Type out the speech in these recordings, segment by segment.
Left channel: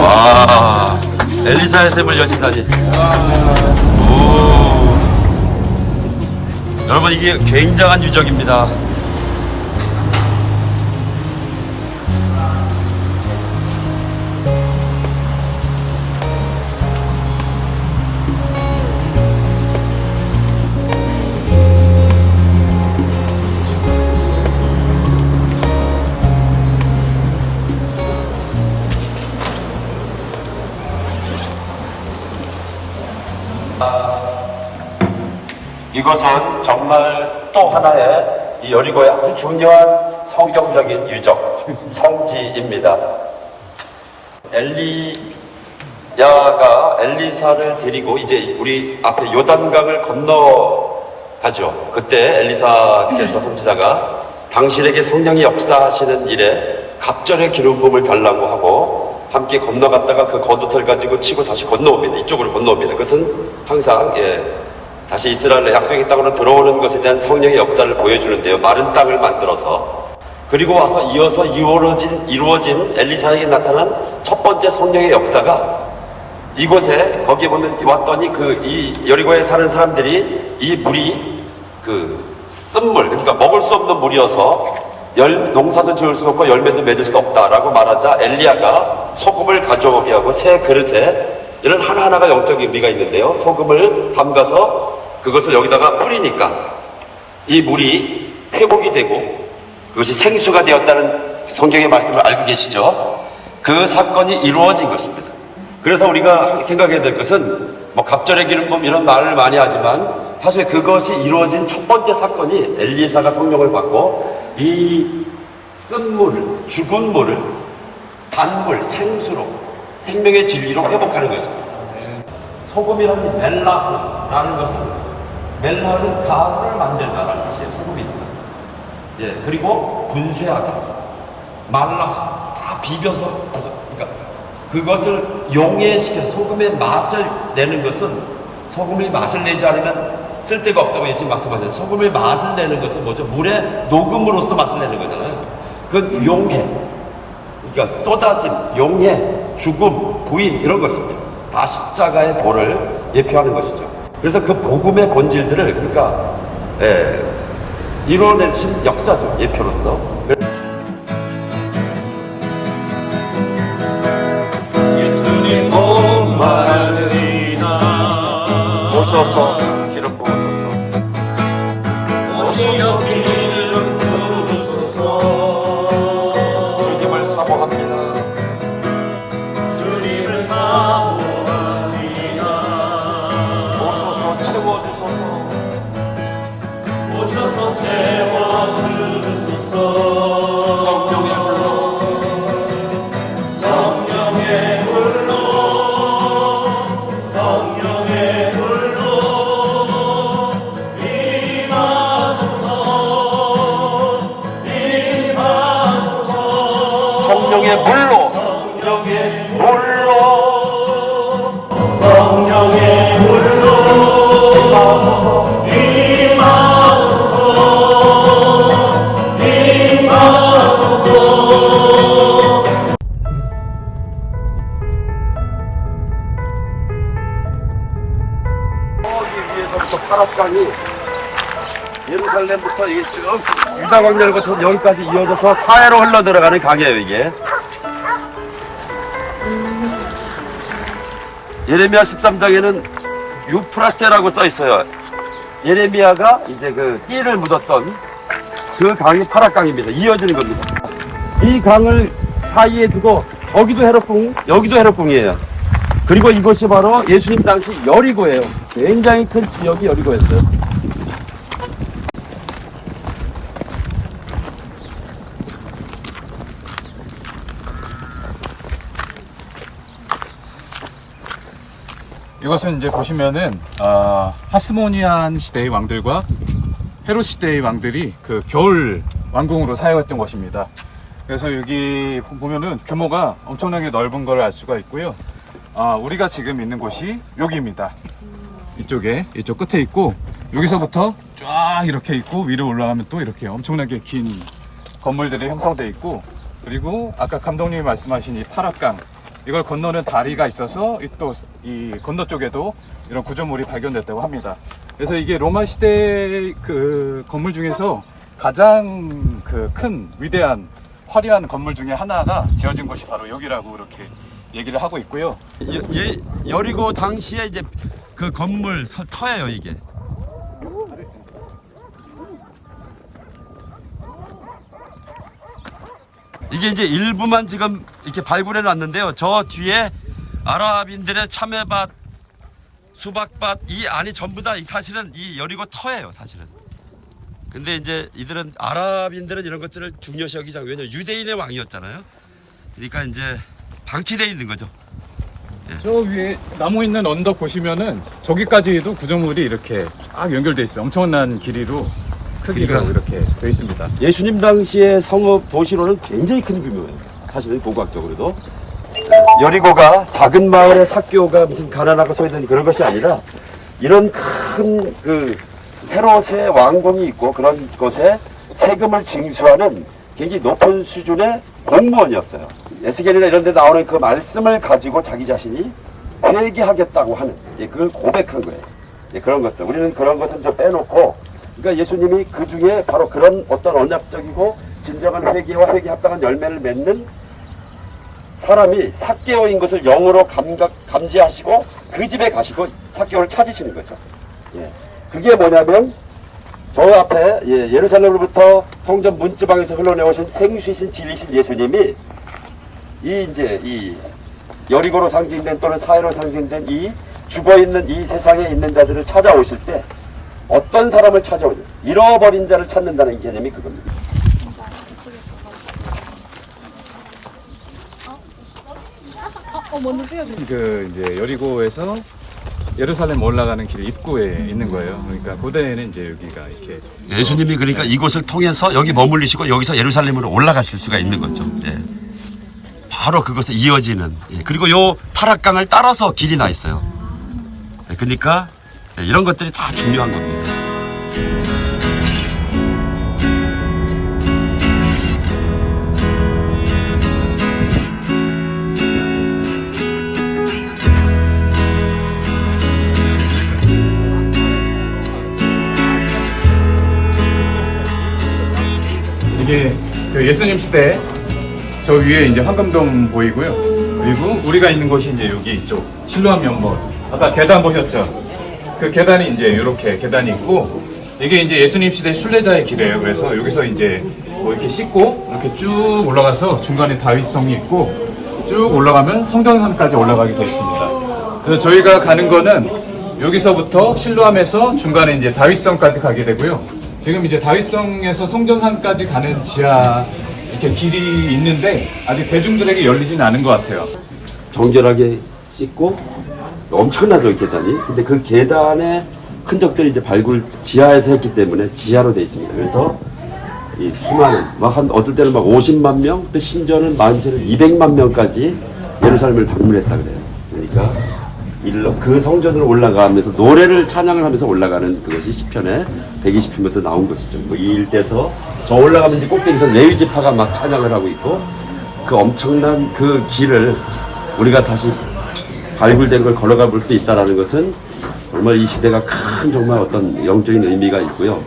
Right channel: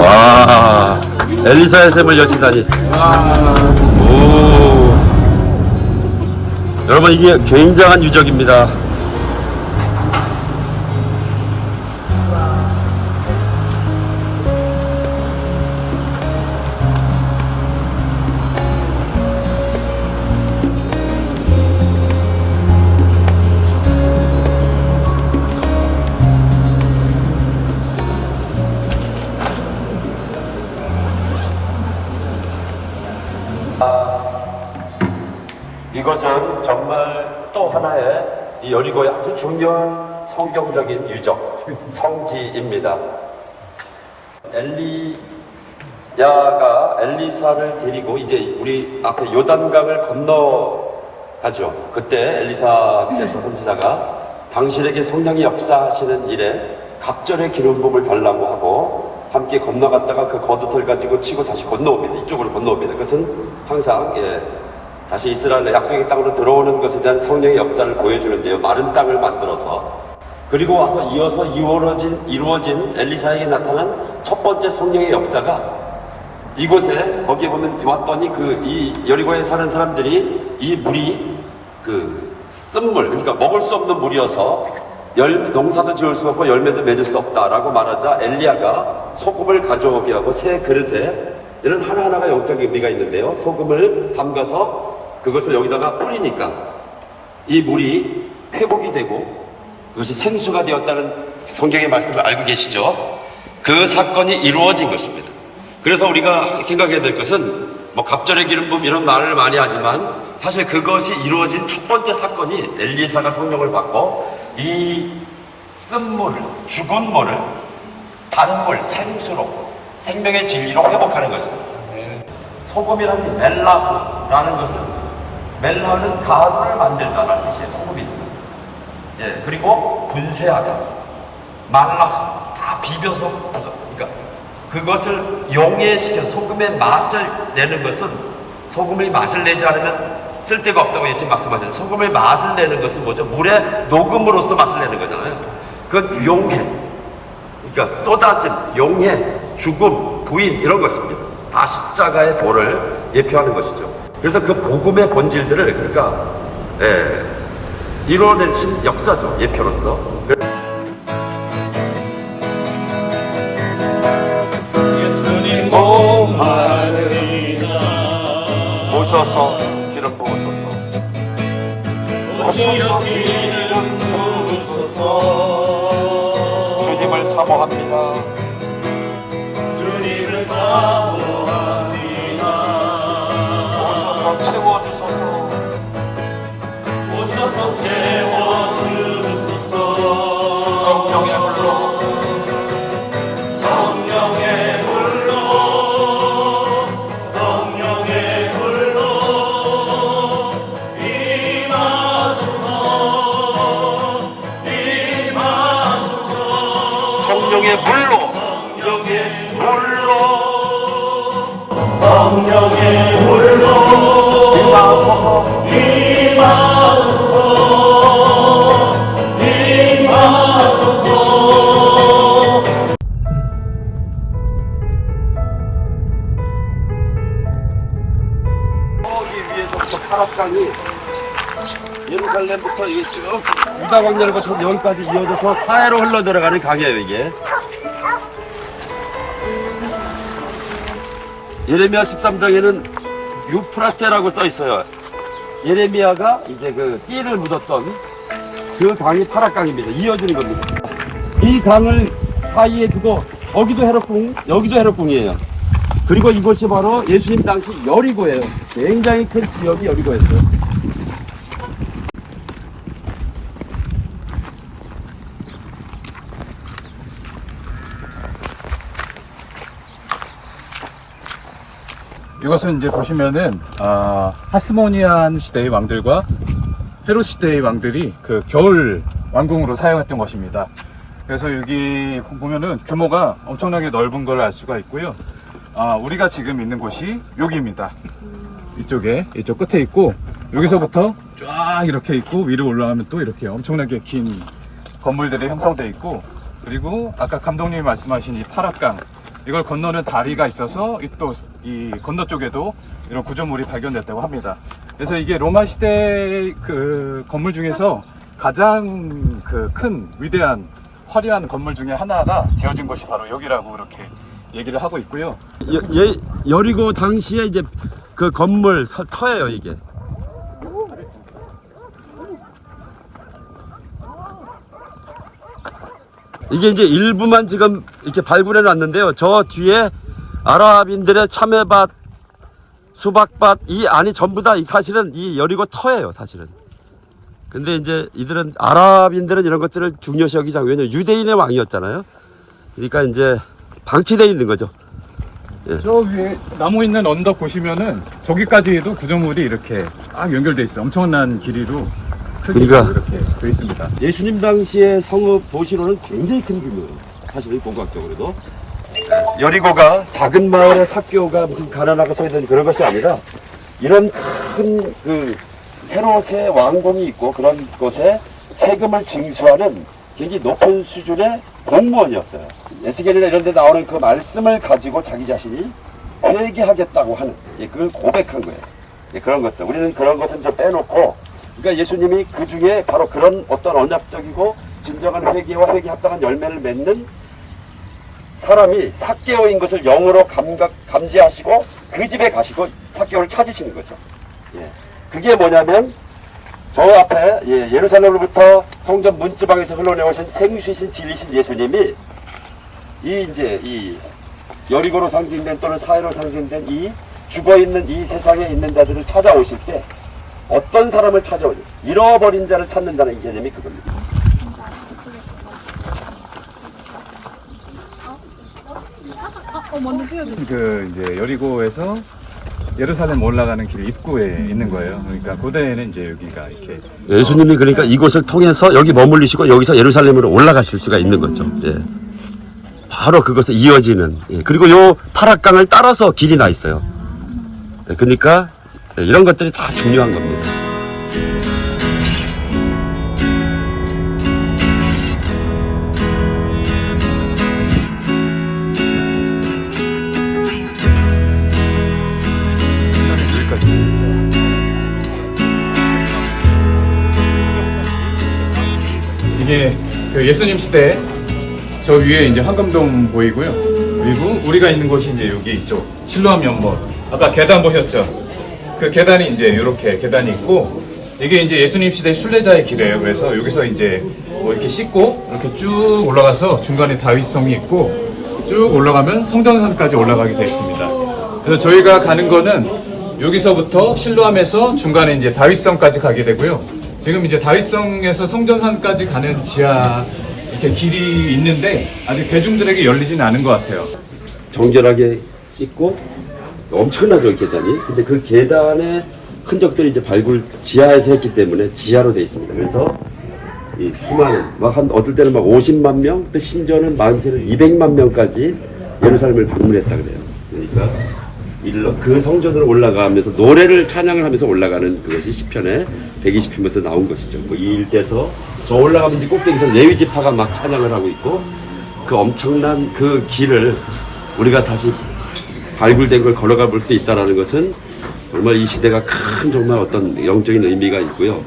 와 엘리사의 샘을 여시다니. 오. 여러분 이게 굉장한 유적입니다. 이것은 정말 또 하나의 이 여리고의 아주 중요한 성경적인 유적, 성지입니다. 엘리야가 엘리사를 데리고 이제 우리 앞에 요단강을 건너가죠. 그때 엘리사께서 선지자가 당신에게 성령이 역사하시는 일에 갑절의 기름 부음을 달라고 하고 함께 건너갔다가 그 겉옷을 가지고 치고 다시 건너옵니다. 이쪽으로 건너옵니다. 그것은 항상 예, 다시 이스라엘의 약속의 땅으로 들어오는 것에 대한 성령의 역사를 보여주는데요. 마른 땅을 만들어서 그리고 와서 이어서 이루어진 이루어진 엘리사에게 나타난 첫 번째 성령의 역사가 이곳에 거기에 보면 왔더니 그 이 여리고에 사는 사람들이 이 물이 그 쓴물 그러니까 먹을 수 없는 물이어서 열 농사도 지을 수 없고 열매도 맺을 수 없다라고 말하자 엘리야가 소금을 가져오게 하고 새 그릇에 이런 하나하나가 영적 의미가 있는데요. 소금을 담가서 그것을 여기다가 뿌리니까 이 물이 회복이 되고 그것이 생수가 되었다는 성경의 말씀을 알고 계시죠? 그 사건이 이루어진 것입니다. 그래서 우리가 생각해야 될 것은 뭐 갑절의 기름 부음 이런 말을 많이 하지만 사실 그것이 이루어진 첫 번째 사건이 엘리사가 성령을 받고 이 쓴물을 죽은 물을 단물 생수로 생명의 진리로 회복하는 것입니다. 소금이라는 이 멜라흐라는 것은 멜라흐는 가루를 만들다라는 뜻이에요. 소금이지만. 예, 그리고 분쇄하다. 말라 다 비벼서 그러니까 그것을 용해시켜 소금의 맛을 내는 것은 소금의 맛을 내지 않으면 쓸데가 없다고 예수님 말씀하셨어요. 소금의 맛을 내는 것은 뭐죠? 물의 녹음으로서 맛을 내는 거잖아요. 그 용해, 그러니까 쏟아짐, 용해, 죽음, 부인 이런 것입니다. 다 십자가의 도를 예표하는 것이죠. 그래서 그 복음의 본질들을 그러니까 예, 이루어내신 역사죠 예표로서. 성령의 물로. 성령의 물로. 성령의 불로. 임하소서 임하소서 임하소서 저기 위에서부터 파락강이 예루살렘부터 이게 쭉 광야를 거쳐 여기까지 이어져서 사해로 흘러 들어가는 강이에요 이게. 예레미야 13장에는 유프라테라고 써 있어요. 예레미야가 이제 그 띠를 묻었던 그 강이 파락강입니다. 이어지는 겁니다. 이 강을 사이에 두고 여기도 헤롯궁, 여기도 헤롯궁이에요. 그리고 이곳이 바로 예수님 당시 여리고예요. 굉장히 큰 지역이 여리고였어요. 이것은 이제 보시면은 아, 하스모니안 시대의 왕들과 헤롯 시대의 왕들이 그 겨울 왕궁으로 사용했던 것입니다. 그래서 여기 보면은 규모가 엄청나게 넓은 걸 알 수가 있고요. 아, 우리가 지금 있는 곳이 여기입니다. 이쪽에 이쪽 끝에 있고 여기서부터 쫙 이렇게 있고 위로 올라가면 또 이렇게 엄청나게 긴 건물들이 형성되어 있고 그리고 아까 감독님이 말씀하신 이 파락강 이걸 건너는 다리가 있어서 또이 건너 쪽에도 이런 구조물이 발견됐다고 합니다. 그래서 이게 로마 시대 그 건물 중에서 가장 그 큰 위대한 화려한 건물 중에 하나가 지어진 곳이 바로 여기라고 이렇게 얘기를 하고 있고요. 예, 여리고 당시에 이제 그 건물 서- 터예요 이게. 이게 이제 일부만 지금 이렇게 발굴해 놨는데요. 저 뒤에 아랍인들의 참외밭, 수박밭 이 안이 전부 다 이 사실은 이 여리고 터예요, 사실은. 근데 이제 이들은 아랍인들은 이런 것들을 중요시 않고 왜냐면 유대인의 왕이었잖아요. 그러니까 이제 방치돼 있는 거죠. 저 위에 나무 있는 언덕 보시면은 저기까지도 구조물이 이렇게 쫙 연결돼 있어요. 엄청난 길이로 그러니까. 이렇게 돼 있습니다. 예수님 당시의 성읍 도시로는 굉장히 큰 규모예요. 사실은 고고학적으로도. 여리고가 작은 마을의 사교가 무슨 가난하고 소외된 그런 것이 아니라 이런 큰 그 헤롯의 왕궁이 있고 그런 곳에 세금을 징수하는 굉장히 높은 수준의 공무원이었어요. 에스겔이나 이런 데 나오는 그 말씀을 가지고 자기 자신이 회개하겠다고 하는 예, 그걸 고백한 거예요. 예, 그런 것들. 우리는 그런 것은 좀 빼놓고 그러니까 예수님이 그 중에 바로 그런 어떤 언약적이고 진정한 회개와 회개 합당한 열매를 맺는 사람이 사개오인 것을 영으로 감각, 감지하시고 그 집에 가시고 사개오를 찾으시는 거죠. 예. 그게 뭐냐면 저 앞에 예, 예루살렘으로부터 성전 문지방에서 흘러내오신 생수이신 진리신 예수님이 이 이제 이 여리고로 상징된 또는 사회로 상징된 이 죽어 있는 이 세상에 있는 자들을 찾아오실 때 어떤 사람을 찾아오냐 잃어버린 자를 찾는다는 개념이 그겁니다. 그 이제 여리고에서 예루살렘 올라가는 길 입구에 있는 거예요. 그러니까 고대에는 이제 여기가 이렇게 예수님이 그러니까 이곳을 통해서 여기 머물리시고 여기서 예루살렘으로 올라가실 수가 있는 거죠. 예. 바로 그것에 이어지는. 예. 그리고 요 타락강을 따라서 길이 나 있어요. 예, 그러니까 예, 이런 것들이 다 중요한 겁니다. 이게 그 예수님 시대 저 위에 이제 황금동 보이고요. 그리고 우리가 있는 곳이 이제 여기 이쪽 실로암 연못. 아까 계단 보셨죠? 그 계단이 이제 이렇게 계단이 있고 이게 이제 예수님 시대 순례자의 길이에요. 그래서 여기서 이제 뭐 이렇게 씻고 이렇게 쭉 올라가서 중간에 다윗성이 있고 쭉 올라가면 성전산까지 올라가게 돼 있습니다. 그래서 저희가 가는 거는 여기서부터 실로암에서 중간에 이제 다윗성까지 가게 되고요. 지금 이제 다윗성에서 성전산까지 가는 지하 이렇게 길이 있는데 아직 대중들에게 열리지는 않은 것 같아요. 정결하게 씻고 엄청나죠 이 계단이. 근데 그 계단의 흔적들이 이제 발굴 지하에서 했기 때문에 지하로 돼 있습니다. 그래서 이 수많은 막한 어떨 때는 막 50만 명, 또 심지어는 많게는 200만 명까지 예루살렘을 방문했다 그래요. 그러니까 일러 그 성전으로 올라가면서 노래를 찬양을 하면서 올라가는 그것이 시편에 120편부터 나온 것이죠. 뭐이 일대에서 저 올라가면 이제 꼭대기에서 레위 지파가 막 찬양을 하고 있고 그 엄청난 그 길을 우리가 다시 발굴된 걸 걸어가 볼 수 있다라는 것은 정말 이 시대가 큰 정말 어떤 영적인 의미가 있고요.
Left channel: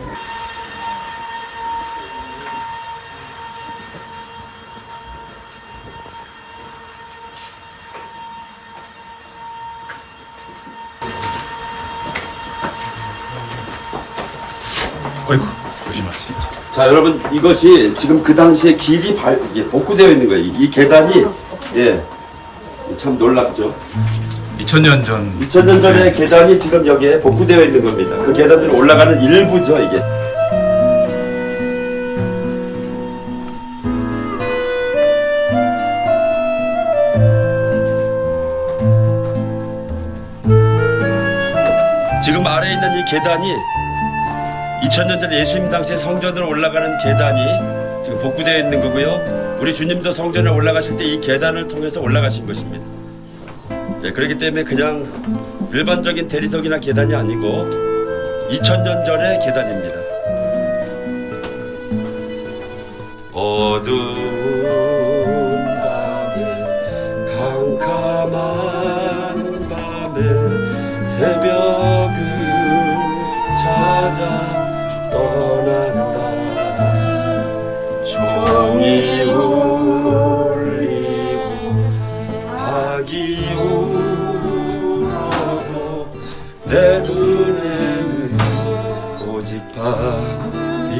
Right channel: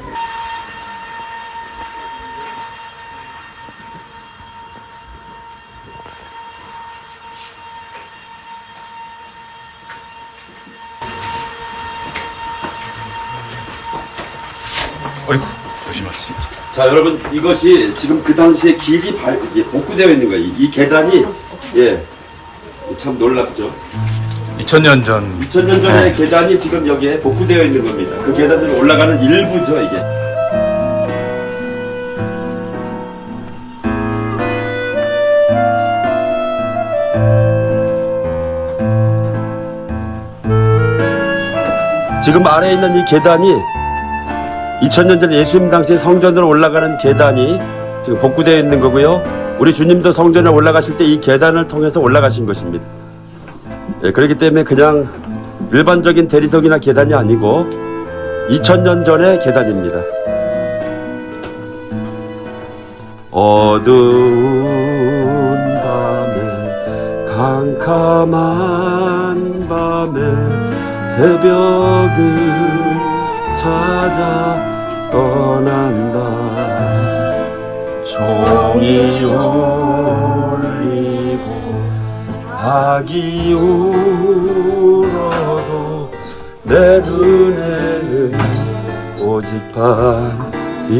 어이구 조심하세요. 자 여러분 이것이 지금 그 당시에 길이 발, 이게 복구되어 있는 거예요. 이, 이 계단이 예. 참 놀랍죠. 2000년 전 2000년 전의 계단이 지금 여기에 복구되어 있는 겁니다. 그 계단들이 올라가는 일부죠, 이게. 지금 아래에 있는 이 계단이 2000년 전 예수님 당시 성전으로 올라가는 계단이 지금 복구되어 있는 거고요. 우리 주님도 성전에 올라가실 때 이 계단을 통해서 올라가신 것입니다. 예, 그렇기 때문에 그냥 일반적인 대리석이나 계단이 아니고 2000년 전의 계단입니다. 어두운 밤에 강 캄캄한 밤에 새벽을 찾아 이 울리고 박이 울어도 내 눈에는 오직 밤이었소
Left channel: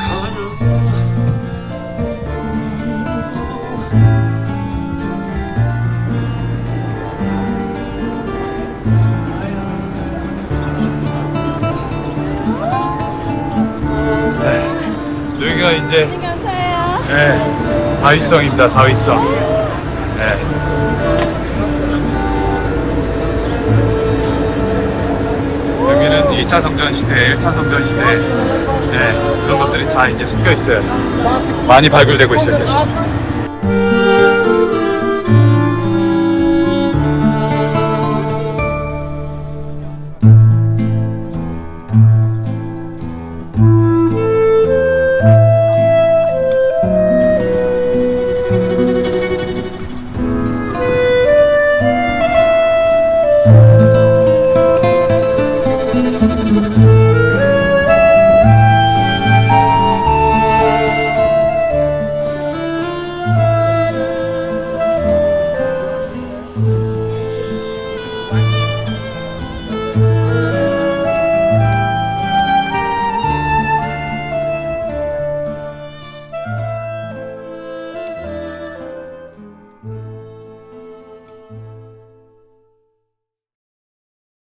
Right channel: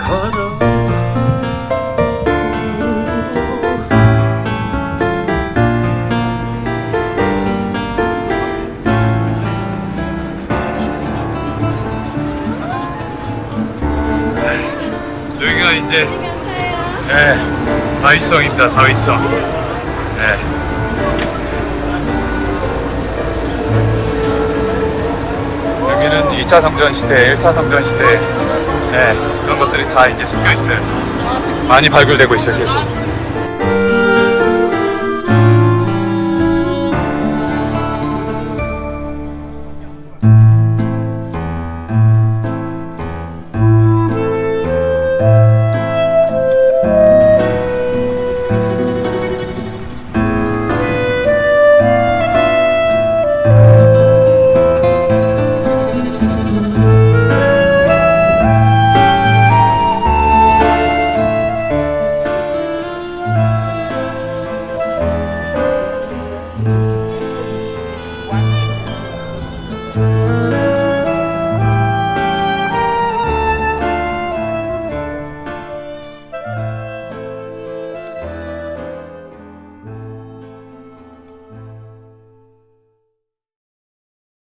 가라 여기가 이제 예, 다윗성입니다. 다윗성. 예. 여기는 2차 성전 시대, 1차 성전 시대, 예, 그런 것들이 다 이제 섞여 있어요. 많이 발굴되고 있어요, 계속.